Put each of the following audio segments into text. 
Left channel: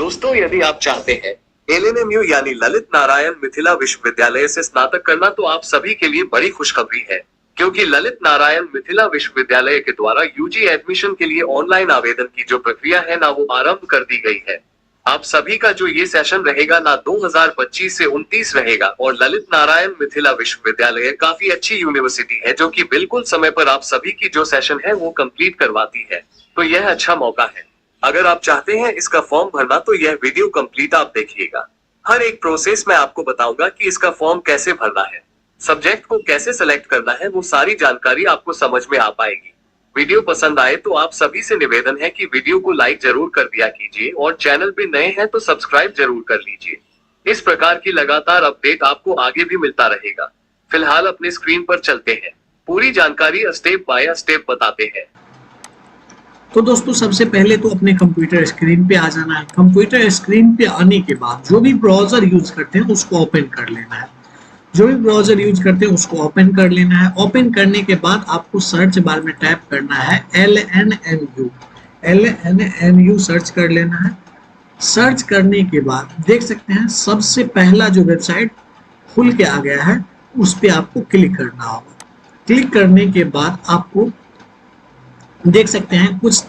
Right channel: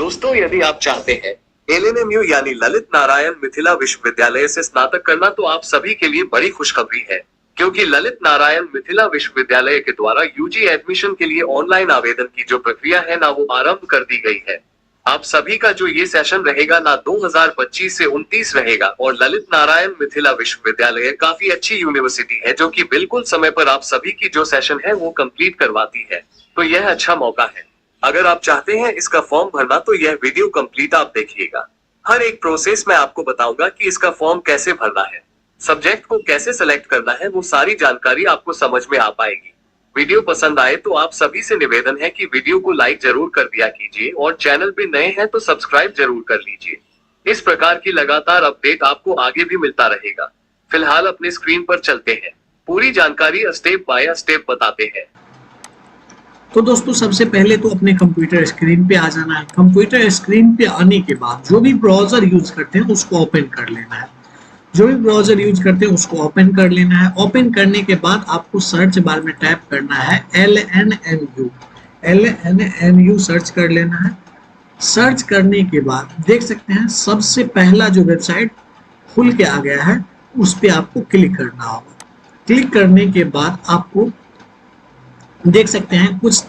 दोस्तों, यदि आप चाहते हैं LNMU यानी ललित नारायण मिथिला विश्वविद्यालय से स्नातक करना, तो आप सभी के लिए बड़ी खुशखबरी है, क्योंकि ललित नारायण मिथिला विश्वविद्यालय के द्वारा यूजी एडमिशन के लिए ऑनलाइन आवेदन की जो प्रक्रिया है ना, वो आरंभ कर दी गई है। आप सभी का जो ये सेशन रहेगा ना 2025 से 29 रहेगा, और ललित नारायण मिथिला विश्वविद्यालय काफी अच्छी यूनिवर्सिटी है जो कि बिल्कुल समय पर आप सभी की जो सेशन है वो कंप्लीट करवाती है। तो यह अच्छा मौका है। अगर आप चाहते हैं इसका फॉर्म भरना, तो यह वीडियो कंप्लीट आप देखिएगा। हर एक प्रोसेस मैं आपको बताऊंगा कि इसका फॉर्म कैसे भरना है, सब्जेक्ट को कैसे सेलेक्ट करना है, वो सारी जानकारी आपको समझ में आ पाएगी। वीडियो पसंद आए तो आप सभी से निवेदन है कि वीडियो को लाइक जरूर कर दिया कीजिए, और चैनल पे नए हैं तो सब्सक्राइब जरूर कर लीजिए। इस प्रकार की लगातार अपडेट आपको आगे भी मिलता रहेगा। फिलहाल अपने स्क्रीन पर चलते हैं, पूरी जानकारी स्टेप बाय स्टेप बताते हैं। तो दोस्तों, सबसे पहले तो अपने कंप्यूटर स्क्रीन पे आ जाना है। कंप्यूटर स्क्रीन पे आने के बाद जो भी ब्राउजर यूज करते हैं उसको ओपन कर लेना है। जो भी ब्राउजर यूज करते हैं उसको ओपन कर लेना है। ओपन करने के बाद आपको सर्च बार में टाइप करना है LNMU सर्च कर लेना है। सर्च करने के बाद देख सकते हैं सबसे पहला जो वेबसाइट खुल के आ गया है उस पर आपको क्लिक करना होगा। क्लिक करने के बाद आपको देख सकते हैं कुछ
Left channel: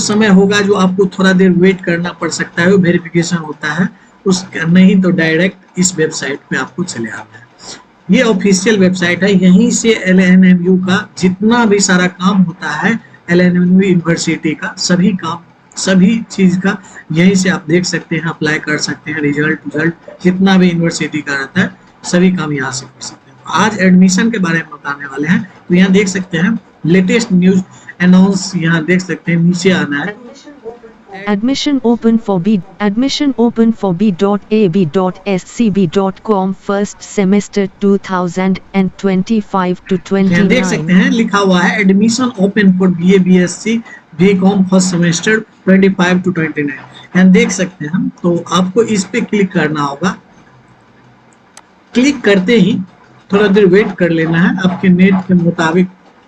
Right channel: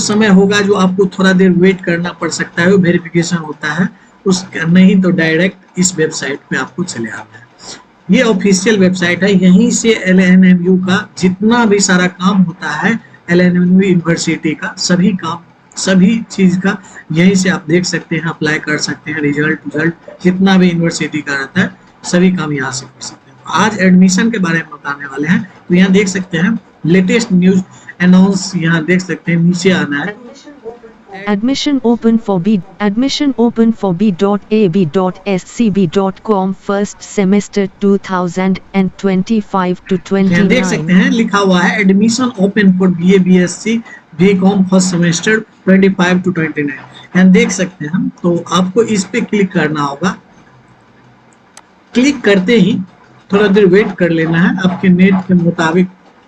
समय होगा जो आपको थोड़ा देर वेट करना पड़ सकता है, वेरिफिकेशन होता है उस, नहीं तो डायरेक्ट इस वेबसाइट पे आपको चले आना है। ये ऑफिशियल वेबसाइट है, यहीं से LNMU का जितना भी सारा काम होता है, LNMU यूनिवर्सिटी का सभी काम, सभी चीज का यहीं से आप देख सकते हैं, अप्लाई कर सकते हैं। रिजल्ट जितना भी यूनिवर्सिटी का रहता है सभी काम यहाँ से कर सकते हैं। आज एडमिशन के बारे में बताने वाले हैं। तो यहाँ देख सकते हैं लेटेस्ट न्यूज अनाउंस, यहाँ देख सकते हैं नीचे आना है Admission open for b.ab.scb.com first semester 2025 to 29। देख सकते हैं लिखा हुआ है admission open for BA BSc BCom first semester 25 to 29। यहाँ देख सकते हैं, तो आपको इस पे क्लिक करना होगा। क्लिक करते ही थोड़ा देर वेट कर लेना है, आपके नेट के मुताबिक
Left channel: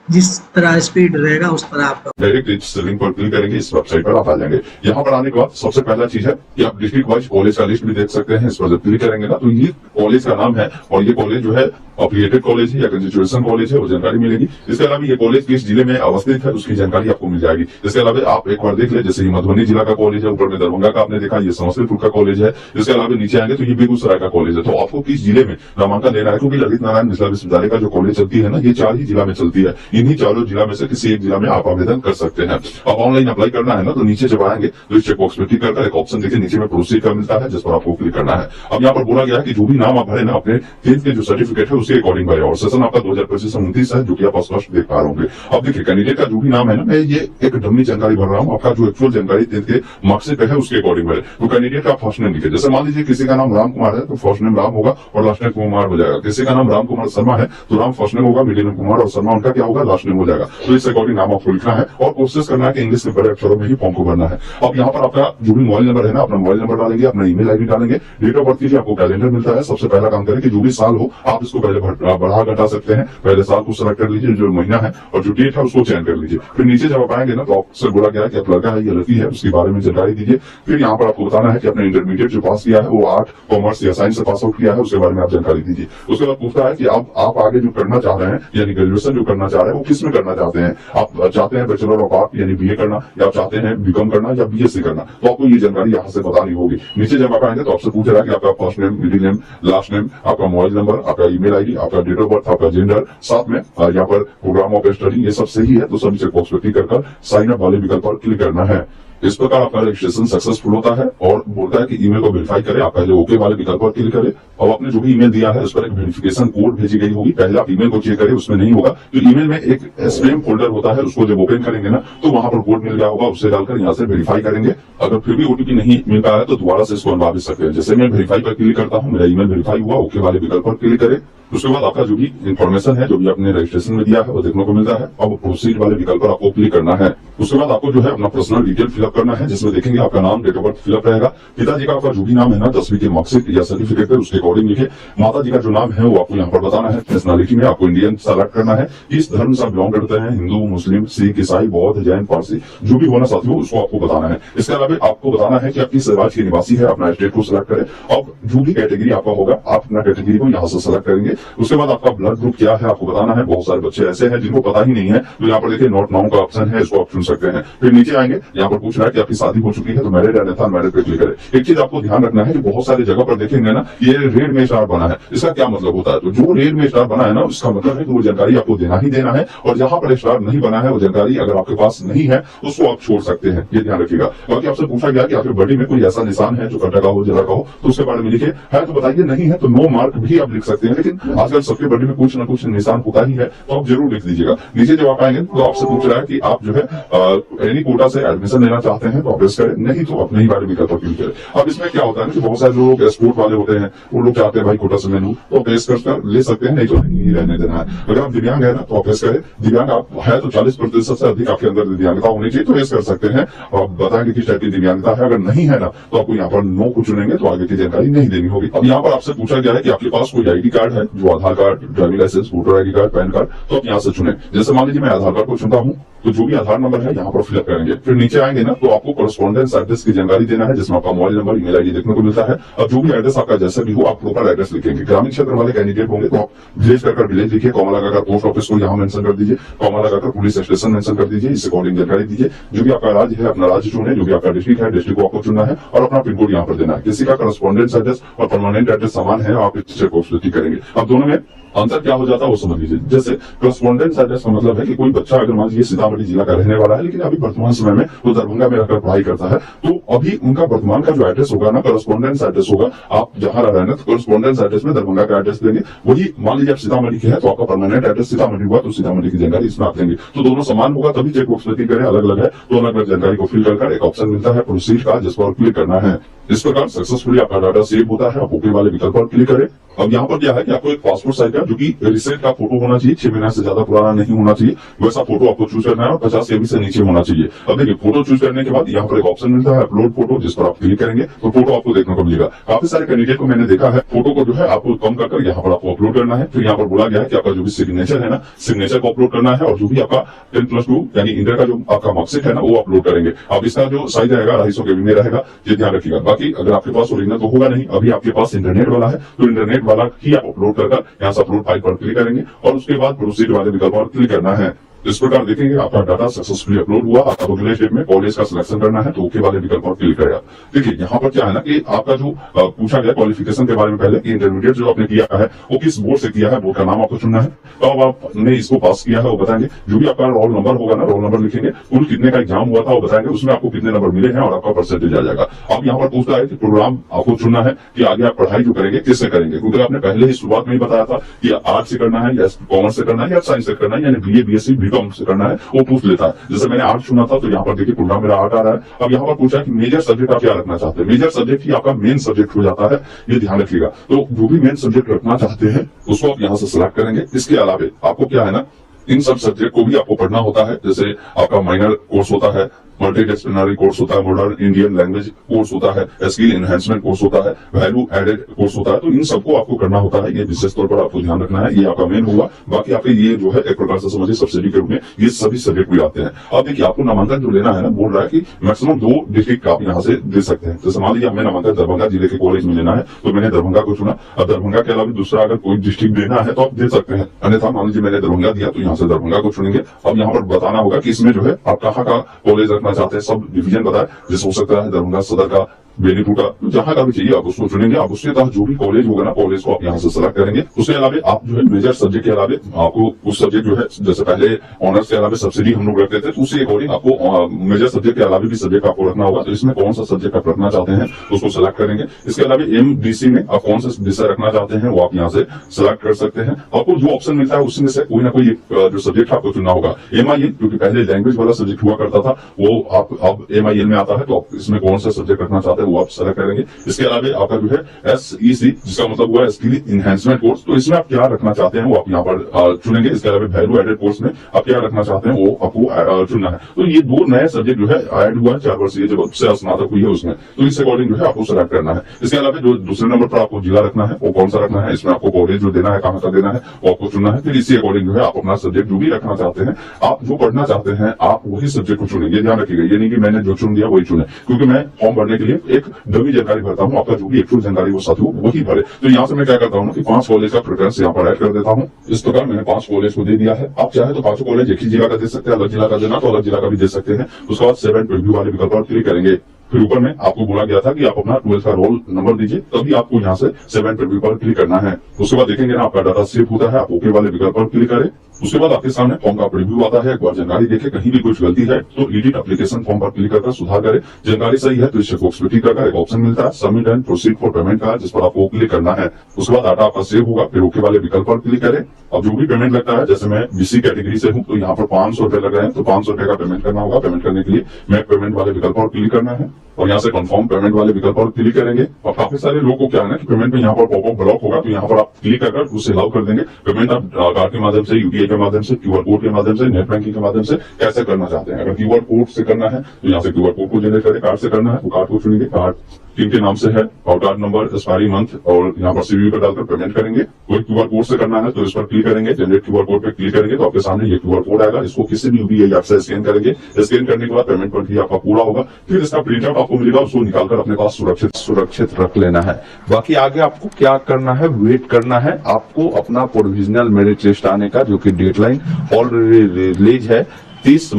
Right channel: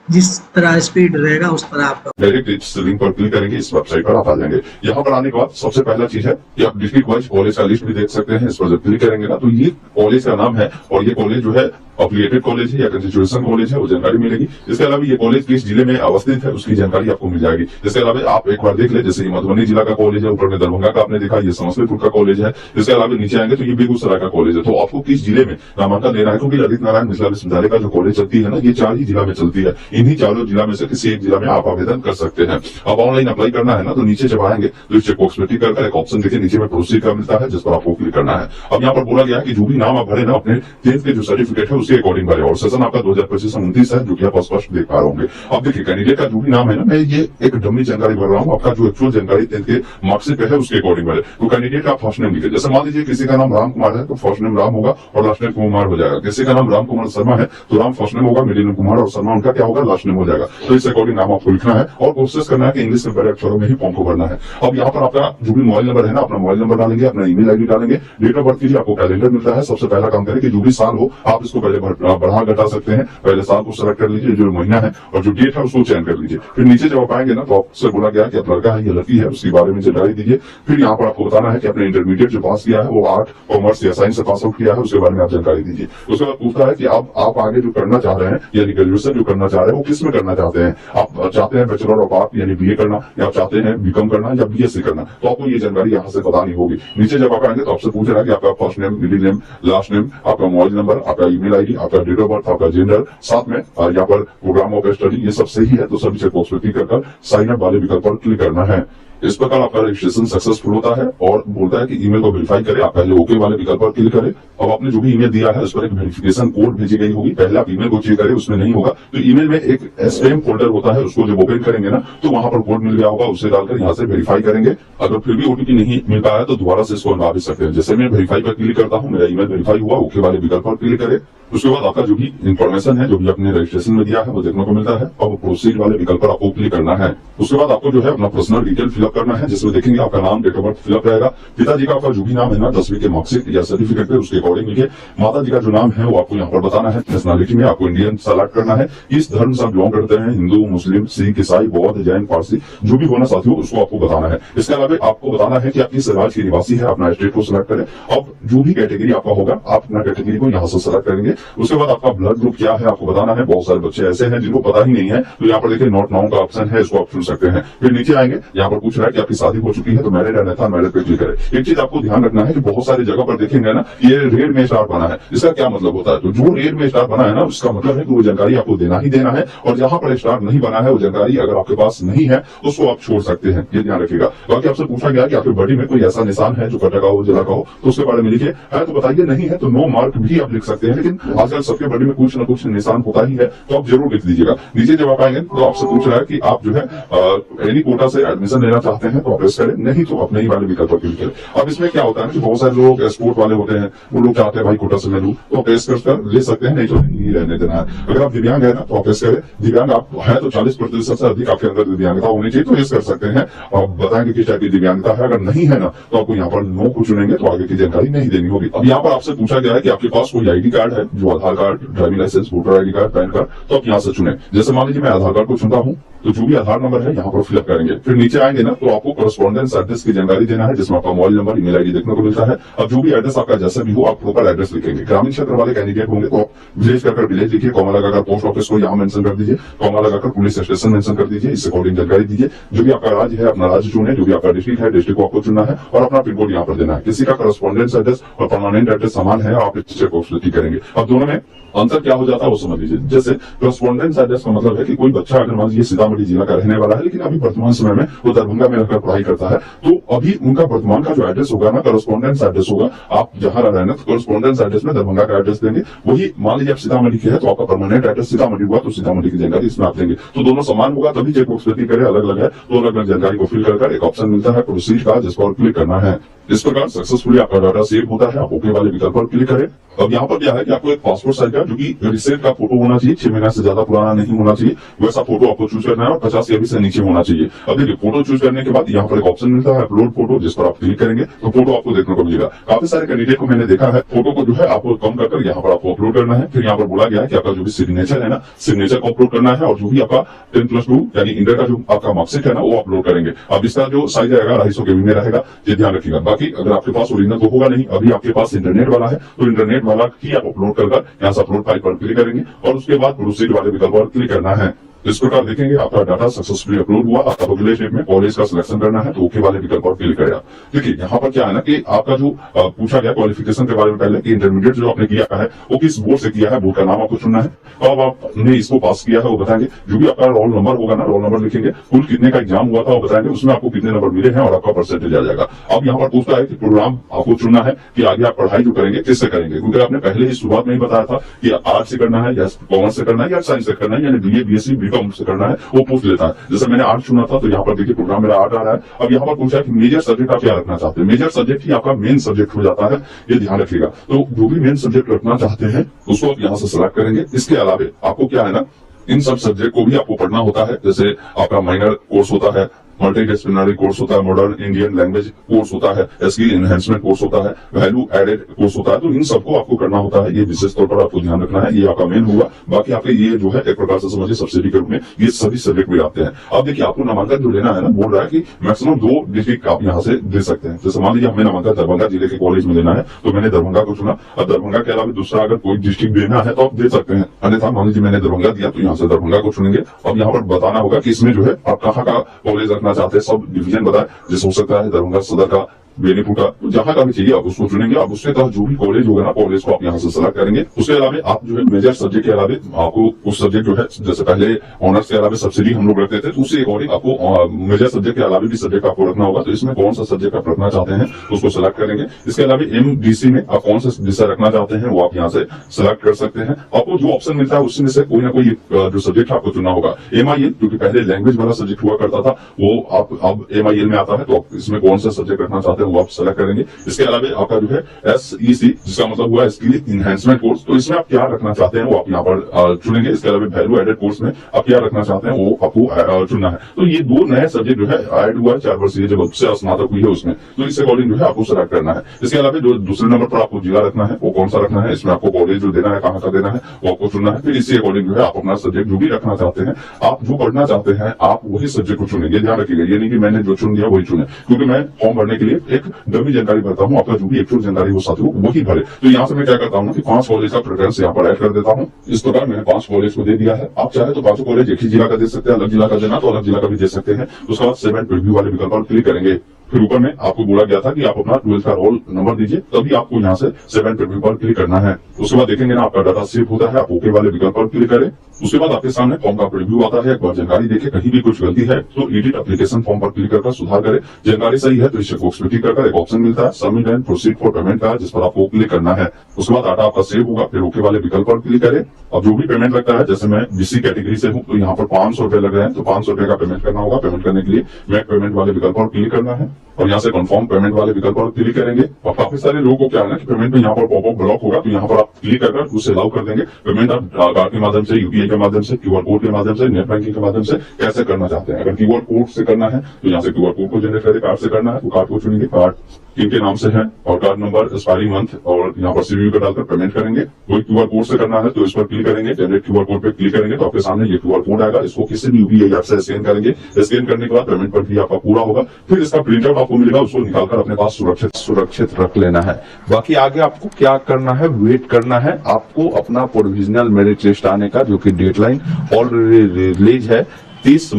जिस तरह स्पीड रहेगा उस तरह आपका डायरेक्ट इस लिंक पर क्लिक करेंगे, इस वेबसाइट पर आप आ जाएंगे। यहाँ पर आने के बाद सबसे पहला चीज है कि आप डिस्ट्रिक्ट वाइज कॉलेज का लिस्ट भी देख सकते हैं। इस पर जब क्लिक करेंगे ना, तो ये कॉलेज का नाम है, और ये कॉलेज जो है अफिलिएटेड कॉलेज है या कंस्टिट्यूशन कॉलेज है, वो जानकारी मिलेगी। इसके अलावा ये कॉलेज किस जिले में अवस्थित है उसकी जानकारी आपको मिल जाएगी। इसके अलावा आप एक बार देख ले, जैसे ये मधुबनी जिला का कॉलेज है, ऊपर में दरभंगा का आपने देखा, ये समस्तीपुर का कॉलेज है। इसके अलावा नीचे आएंगे तो ये बेगूसराय का कॉलेज है। तो आपको किस जिले में नामांकन देना है, क्योंकि ललित नारायण मिथिला विश्वविद्यालय का जो कॉलेज चलती है ना, ये 4 ही जिला में चलती है। इन्हीं चारों जिला में से किसी एक जिला में आप आवेदन कर सकते हैं। अब ऑनलाइन अप्लाई करना है ना, तो नीचे जब आएंगे तो इस चेकबॉक्स में टिक करके एक ऑप्शन देखिए नीचे में प्रोसीड का मिलता है, जिस पर आपको क्लिक करना है। अब यहाँ पर बोला गया है कि जो भी नाम आप भरे ना अपने 10th के जो सर्टिफिकेट है उसके अकॉर्डिंग भरे, और सेशन आपका 2025-29 है, जो कि आप स्पष्ट देख पा रहे होंगे। अब देखिए कैंडिडेट का जो भी नाम है ना, मैं ये एक डमी जानकारी भर रहा हूँ, आपका जो एक्चुअल जानकारी 10th के मार्क्सिट पे है उसके अकॉर्डिंग भरे। तो कैंडिडेट का फर्स्ट नेम लिखे, जैसे मान लीजिए किसी का नाम राम कुमार है तो फर्स्ट नेम राम होगा और लास्ट नेम कुमार हो जाएगा। किसी का नाम राम कुमार शर्मा है तो राम फर्स्ट नेम होगा, मिडिल नेम कुमार, और शर्मा उनका क्या होगा, लास्ट नेम हो जाएगा। तो इस अकॉर्डिंग नाम आपको लिखना है और कोशिश करना है कि इंग्लिश में बड़े अक्षरों में ही फॉर्म को भरना है। अब यहाँ पर आपका जो भी मोबाइल नंबर है ना, अपना मोबाइल नंबर डालेंगे, अपना ईमेल आईडी डालेंगे, डेट ऑफ बर्थ कीजिए, आपको कैलेंडर मिलता है। सबसे पहला काम करें कि जो भी साल हो आप इसको पहले बढ़ा घटा सकते हैं। पहले साल को सेलेक्ट कर लीजिए, जो महीना है, और जो डेट है उसको चयन कर लीजिए। फिर नीचे जब आप आएंगे ना, तो आपसे बोला गया है कि आप लड़का है या लड़की है, उसके बारे में जानकारी दीजिए। फिर यहाँ पर आपको बताना है कि आपने इंटरमीडिएट जो पास किया है वो आर्ट, कॉमर्स या साइंस से पास आउट किया है, उसके बारे में आप जानकारी दीजिए। उसके बाद पूछता है कि आप आगे जो करना चाह रहे हैं, यानी ग्रेजुएशन जो करना चाह रहे हैं वो किस में करना चाहते हैं। आप चाहते हैं बैचलर ऑफ आर्ट यानी BA करना, या आप चाहते हैं BCom करना या BSc करना, तो आपको ये जानकारी यहाँ से बतानी होगी। नीचे जब आप आएंगे तो आपसे पूछ रहा है कि आपका first name, middle name, last name, आपका मोबाइल नंबर, आपका ईमेल आईडी, आपका डेट ऑफ बर्थ, आपका जेंडर, साथ में यहाँ पर प्रोग्राम ऑफ स्टडी, ये सब सही है तो सभी चेकबॉक्स पर क्लिक कर साइन अप वाले विकल्प पर क्लिक करना है। इस प्रकार आपका रजिस्ट्रेशन सक्सेसफुल होता है और बोलता है कि ईमेल को वेरीफाई करें। आप पहले ओके वाले विकल्प पर क्लिक करें। अब आपने जो भी ईमेल दिया है उस पर एक वेरिफिकेशन कोड भेजी गई होगी, पहले आप ईमेल को चेक करें, उसमें नहीं होगा तो ईमेल में एक स्पैम फोल्डर होता है, उसको जब ओपन करेंगे ना तो वहां पर कोड मिल गया होगा, उसे डालकर यहाँ से वेरीफाई करेंगे। अगर फिर भी OTP नहीं मिल पाया है तो दोबारा से इसको अनवा भी सकते हैं। जैसे मैं वेरीफाई पर क्लिक करता हूँ, मेरा ईमेल वेरीफाई हुआ, ओके वाले विकल्प पर क्लिक करें। उसके बाद आपका जो भी इन्फॉर्मेशन है, जो भी आपने रजिस्ट्रेशन में दिया है वो देखने को मिलता है। अब प्रोसीड वाले विकल्प पर आपको क्लिक करना है। उसके बाद आपको जो है अपना पर्सनल डिटेल फिलअप फिलअप करना है, जिसमें देखेंगे आपका नाम, डेट ऑफ बर्थ फिलअप रहेगा। पिताजी का आपका जो भी नाम है ना 10वीं के मार्कशीट या सर्टिफिकेट पे उसके अकॉर्डिंग लिखिए। माता जी का जो नाम है वो आपको यहाँ पर बताना है। नेशनलिटी में आपको इंडियन सेलेक्ट करना है। इस धर्म से आप बिलोंग करते हैं, हिंदू, मुस्लिम, सिख, ईसाई, बौद्ध, जैन, पारसी, जो भी होना साथियों उसको आपको बताना है। इसके अलावा आपको बताना है कि आप किस राज्य के निवासी है, अपना स्टेट को सिलेक्ट करें। अब जो भी कैटेगरी आपका होगा आप अपना कैटेगरी को यहाँ से सिलेक्ट करेंगे। उसके बाद आपका ब्लड ग्रुप क्या है आपको बताना है। बहुत सारे बच्चे ऐसे हैं जिनको पता ही नहीं है, तो यहाँ पर देखिए नॉट नाउ का ऑप्शन है, इसको आप चुन सकते हैं। फिर नीचे आएंगे, यहाँ पर पूछ रहा है कि आपकी शादी हो चुकी है तो मैरिड है, था मैरिड पे क्लिक करें। एक चीज आपको ध्यान रखना है कि बहुत सारी जगह पर देखेंगे ना ये रेड में स्टार बना है, इसका क्या मतलब होता है? तो जो रेड में स्टार बना है ना उसका मतलब है कि वो जानकारी आपको देना ही देना है, और जहां पर स्टार नहीं बना है वो जानकारी अगर आपके पास नहीं है उसको आप छोड़ सकते हैं, ये ध्यान रखिएगा। बाकी आपसे पूछा गया कि आपके बॉडी में कोई ऐसा निशान है जो कटा का हो, जला का हो, तो उसके बारे में लिखिए। है तो बताइए, नहीं है तो नो मार्क भी आप लिख सकते हैं, लेकिन आजकल सबके बॉडी में कुछ ना कुछ निशान होता ही है, तो आप जरूर लिख दीजिएगा। नीचे जब आप आएंगे तो आपसे पूछ रहा है कि आप जो है एनी कोटा से एडमिशन लेना चाहते हैं तो आप प्रेस करें, नहीं तो अपने ही वाले विकल्प पर क्लिक करें। अब इसमें क्या होता है कि बहुत सारे लोग स्पोर्ट वाले होते हैं, वो लोग चाहते हैं भाई कोटा से मैं लूं, तो प्रेस कर ले सकते हैं, नहीं तो नहीं रहने देना है। अगर आप दिव्यांग है ना तो आप प्रेस करें। दिव्यांग आप है तो 40% से अधिक आपके अंदर दिव्यांगता होनी चाहिए, तो प्रेस कर सकते हैं। आप बताएंगे किस टाइप की दिव्यांगता है, अगर नहीं है ना तो आपको यहाँ पर नो को चुनेंगे तो आगे की जानकारी नहीं देनी होगी। अब यहाँ पर आपसे पूछा गया है कि आपके पास कोई आईडी कार्ड है, जो Aadhaar card, driving licence, voter ID card, PAN card, तो आप यहाँ से चुने। जैसे मान लीजिए मैं आधार कार्ड को चुनता हूँ तो जो भी आधार नंबर है यहाँ पर फिलअप करेंगे। फिर नीचे आएंगे ना तो आपको करस्पॉन्डेंस एड्रेस की जानकारी देना है, जिसमें आपका मोबाइल नंबर, ईमेल आईडी देखने को मिलता है। अब जो भी एड्रेस आपका जैसा भी हो आप प्रॉपर एड्रेस लिखेंगे। ग्रामीण क्षेत्र वाले कैंडिडेट होंगे तो आप विलेज कर विलेज लिखिए, कॉमा लगाकर पोस्ट ऑफिस को यहाँ मेंशन कर दीजिए, कॉमा लगाकर पुलिस स्टेशन मेंशन कर दीजिए, इससे अकॉर्डिंग जानकारी दीजिए। जो भी आपका राज्य है अपना राज्य चुने, जो भी आपका डिस्ट्रिक्ट है डिस्ट्रिक्ट को आपको चुनना है और अपना पिन कोड यहाँ पर देना है। किसी का करस्पॉन्डेंस एड्रेस और परमानेंट एड्रेस समान है, आप इस चेक बॉक्स क्लिक करेंगे। अब दोनों में अंतर क्या हो जाता है वो समझ लीजिए। जैसे करस्पॉन्डेंस एड्रेस का मतलब है कि कोई बच्चा अगर मान लीजिए सीतामढ़ी जिला का रहने वाला है, लेकिन अभी वर्तमान समय में वो दरभंगा में रहकर पढ़ाई करता है, तो अभी उनका वर्तमान का जो एड्रेस होगा ना करस्पॉन्डेंस एड्रेस होगा। आप जहां रह रहे हैं ना तो करस्पॉन्डेंस एड्रेस में दरभंगा का एड्रेस देंगे। वही मान लीजिए आप सीतामढ़ी के है तो आपका परमानेंट एड्रेस सीतामढ़ी हुआ तो सीतामढ़ी की जानकारी इसमें आप देंगे। तो दोनों समान होगा तभी चेक बॉक्स क्लिक करें। अलग अलग है तो अलग अलग जानकारी को फिल कर एक ऑप्शन मिलता है प्रोसीड का, जिस पर क्लिक करना है। इस प्रकार सक्सेसफुली आपका डाटा सेव होता है। आप ओके वाले विकल्प पर क्लिक करें। अब यहाँ पर क्या है कि आपको एक पासपोर्ट साइज का जो कि रिसेंट का फोटो होना चाहिए, 6 महीना से ज्यादा पुराना नहीं होना चाहिए, वैसा फोटो आपको चूज करना है और 50 KB से नीचे होना चाहिए। अब देखिए फोटो चूज करने के बाद यहाँ पर एक ऑप्शन मिलता है अपलोड फोटो, जिस पर आप क्लिक करेंगे तो फोटो आपको देखने को मिलेगा। काफी सारे कैंडिडेट को मैंने देखा है फोटो को जो है आपको कम कर यहाँ पर आपको अपलोड करना है। फिर यहाँ पर बोला गया है कि आपका जो भी सिग्नेचर है ना, सिग्नेचर को अपलोड करना है और जो भी आपका 10+2 यानी इंटर का जो आपका मार्कशीट है ना वो अपलोड करेंगे। अब इसका जो साइज रहेगा 250 KB में रहेगा, ये ध्यान रखिएगा। बाकी अगर आपके पास ओरिजिनल तो होगा नहीं, अभी आपके पास इंटरनेट वाला है तो इंटरनेट वाला ही आप अपलोड कर यहाँ से अपलोड फाइल पर क्लिक करेंगे और उसके बाद प्रोसीड वाले विकल्प पर क्लिक करना है। इस प्रकार देखेंगे आपका डाटा सक्सेसफुली अपलोड हुआ। आपको अगले स्टेप में कॉलेज का सिलेक्शन करना है तो ओके वाले विकल्प पर क्लिक करेगा। देखिए यहाँ पर क्या है ना कि आपका जो पूछा गया क्वालिफिकेशन के बारे में पहले कि इंटरमीडिएट जो आपने किया है वो किस बोर्ड से किया है, बोर्ड का नाम आपको चुनना है। तो अब आपने इसको पास किया है वो बताएंगे। जो भी आपका रोल नंबर होगा ना, रोल नंबर लिखेंगे, कुल कितने का एग्जाम हुआ था वो बताएंगे, उसमें आपको कितने नंबर मिले हैं और आपका परसेंटेज आ जाएगा। अब यहाँ पर पूछता है कि प्रोग्राम आपको चुनना है कि आगे आप पढ़ाई जो करेंगे किससे करेंगे, क्योंकि आपने पहले ही शुरुआत में ही बताया था कि आर्ट से करना है या कॉमर्स से करना है या साइंस से करना है, यानी BA BSc BCom से करना है, वो पूछ लेता है। जैसे मैंने आर्ट चुना था तो यहाँ पर देखिए प्रोग्राम मेरा आर्ट आ रहा है। अब यहाँ पर पूछा है कि मेजर सब्जेक्ट आप क्या रखना चाहते हैं। मेजर सब्जेक्ट ही आपका मेन सब्जेक्ट हो जाता है, ये ध्यान रखिएगा। तो जो भी मेन सब्जेक्ट रखना चाहते हैं उसको आप यहाँ से सिलेक्ट करेंगे। इसके अलावा आपको क्या है ना, इन सब सब्जेक्ट को भी आपको पढ़ना होता है। जैसे आपका माइनर कोर्स होता है, मल्टीडिसिप्लिनरी कोर्स होता है, मॉडर्न इंडियन लैंग्वेज कोर्स होता है, स्किल एनहेंसमेंट कोर्स होता है, वैल्यू एडेड कोर्स होता है। तो इन सबको आपको करना होता है, ये विशेष तौर पर आपको ध्यान रखना है। ये आपका मेन होगा। बाकी आपके ये जो है एक प्रकार से समझिए सब्सिडी के रूप में ये सभी सब्जेक्ट भी आते हैं। अब देखिए आपको नामांकन जो लेना है ना, बोल रहा है कि मैक्सिमम 2 डिस्ट्रिक्ट आप यहाँ से दे सकते हैं। जैसे मान लीजिए हमें नामांकन दरभंगा जिले के कॉलेज में लेना है तो मैंने दरभंगा को चुना। अब दरभंगा के अलावा दूसरा अगर कोई डिस्ट्रिक्ट देना है तो आप दे सकते हैं, अन्यथा मान लीजिए मैंने दरभंगा दिया तो यहाँ से दरभंगा को चुनेंगे। अब यहाँ पर बताना होगा कि इसमें जो है आप कहाँ का कॉलेज रखना चाहते हैं, सब डिवीजन बताए। जैसे हो सकता है दरभंगा सदर का, बेनीपुर का, तो जहां का भी चाहिए आप उसको चुनेंगे। आप उसके तहत जो भी कॉलेज होगा ना, कॉलेज को आप यहाँ से सिलेक्ट करेंगे। उसके अलावा आप जो है मेजर सब्जेक्ट के अलावा आपको उस सब्जेक्ट जो है, जैसे पहले ऑनर्स के अलावा सब्सिडी हम लोग रखते थे, तो उससे अकॉर्डिंग आपको मेजर सब्जेक्ट के अलावा भी सब्जेक्ट आपको रखना होगा। तो इसमें कौन सा सब्जेक्ट आप रखना चाहते हैं उसको सिलेक्ट करेंगे। इसके अलावा MDC में आप कौन सा विषय रखना चाहते हैं वो आप यहाँ से सिलेक्ट कर सकते हैं। आपको जो ऑप्शन मिलता है उसमें से कोई ना कोई जो सब्जेक्ट आपको चुनना होगा। MIL क्योंकि पहले लैंग्वेज वाला सब्जेक्ट हुआ करता था, वो आप अब MIL में आता है, तो आप इसमें कौन सा सब्जेक्ट रखना चाहते हैं है वो आप सेलेक्ट करेंगे। इसके अलावा आपका जो है SEC जिसका मतलब हुआ स्किल इनहेंसमेंट कोर्स, तो इसमें आप क्या रखना चाहते हैं वो आप यहाँ पर चुनेंगे। इसके अलावा वैल्यू एडेड कोर्स में आप क्या रखना चाहते हैं वो आपको चुनना है। तो ये 2 नए सब्जेक्ट जो है ऐड हुआ 4 वर्ष जब उससे स्नातक हुई है उसमें, तो इसके अकॉर्डिंग जो है आपको सेलेक्ट करना है। इसके अलावा जो दूसरे नंबर पर आपको जिला रखना है वो कौन सा रखना है, इसमें आपको कॉलेज जो देना है कहाँ का देना है वो आपको चुनना है। फिर इसी अकॉर्डिंग जो है आप अपना सब्जेक्ट जो भी रखना चाहते हैं, आप जो पढ़ना चाहते हैं आप वही सब्जेक्ट को चुनेंगे। ध्यान रखिएगा, ये नहीं कि मैंने जो चुन दिया वही चुने, क्योंकि मैं फॉर्म भरने के लिए एक डमी जानकारी भरता हूँ, आपका जो भी एक्चुअल जानकारी हो साथ हो वही भरे। तो यहाँ से मैं क्या करता हूँ कि 5 कॉलेज का प्रेफरेंस यहाँ पर ऐड कर देता हूँ। इस प्रकार मैंने 5 कॉलेज को दे दिया है। आप चाहे तो 5 कॉलेज एक ही जिला का दे सकते हैं, अलग जिला का देना तो अलग जिला का भी दे सकते हैं। उसके बाद 7 प्रीव्यू वाले विकल्प पर क्लिक करेंगे। फिर ऊपर में आपको बोला गया था कि आप अपना 12th का रोल नंबर दीजिए, तभी आपको यहाँ से 7 प्रीव्यू पर क्लिक करना है। उसके बाद देखेंगे ना आपका डाटा सेव होता है, आप ओके वाले विकल्प पर क्लिक करें। उसके बाद आपके सामने फॉर्म का प्रीव्यू आता है। एक बार जानकारी देखें, कहीं भी कुछ गलती है तो एडिट एप्लीकेशन फॉर्म पर क्लिक कर सुधार करें। जानकारी सही है तो इस चेकबॉक्स पे क्लिक कर एक ऑप्शन मिलता है submit and proceed for payment का, जिस पर आपको क्लिक करना है। उसके बाद डाटा आपका सेव होगा, फिर ओके वाले विकल्प पर क्लिक करें। अब जो भी पेमेंट लगता है, जैसे मैं BC कैटेगरी से हूँ तो यहाँ पर 500 रुपए लग रहे हैं, तो 500 रुपए का पेमेंट करना होगा। पेमेंट करने के लिए मैं पेमेंट वाले विकल्प पर क्लिक करना है और यहाँ से कंफर्म पेमेंट वाले विकल्प पर क्लिक करेंगे। और काफी सारे लोगों को क्या है ना कि पेमेंट में यहाँ पर पॉपअप ब्लॉक होगा, तो यहाँ पर आप क्लिक कर उसे अलाउ कर देंगे। पेमेंट आप कार्ड के माध्यम से, UPI के माध्यम से, QR कोड के माध्यम से, नेट बैंकिंग के माध्यम से कैसे करना चाहते हैं। अगर QR कोड से करना है तो यहाँ से QR कोड को जनरेट करें। कार्ड से करना है तो कार्ड को चुनेंगे, कार्ड किनके नाम से है और कार्ड नंबर, एक्सपायरी मंथ और यहाँ पर CVV का डालकर पेमेंट करेंगे। कोई QR कोड से करना है तो इस पर क्लिक करेंगे, जनरेट QR कोड पे क्लिक करेंगे तो आपके सामने ये QR कोड आएगा। इसको किसी भी UPI ऐप से स्कैन करेंगे। स्कैन करने के बाद पेमेंट पर भी आपका पूरा होगा। फिर इसका प्रिंट आउट आपको मिलेगा, उसको निकालकर अपने पास सुरक्षित रख लेना है। बाकी आगे आपको क्या करना है, वेट करना है। आपको अपना प्रोविजनल मेरिट लिस्ट आने का, जो कि डेडलाइन ऑलरेडी रिलीज है, 30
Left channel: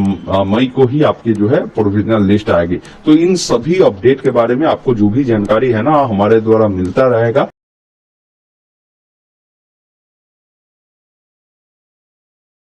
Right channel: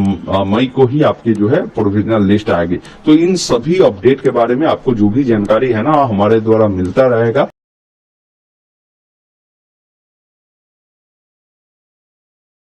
मई को ही आपकी जो है प्रोविजनल लिस्ट आएगी। तो इन सभी अपडेट के बारे में आपको जो भी जानकारी है ना हमारे द्वारा मिलता रहेगा।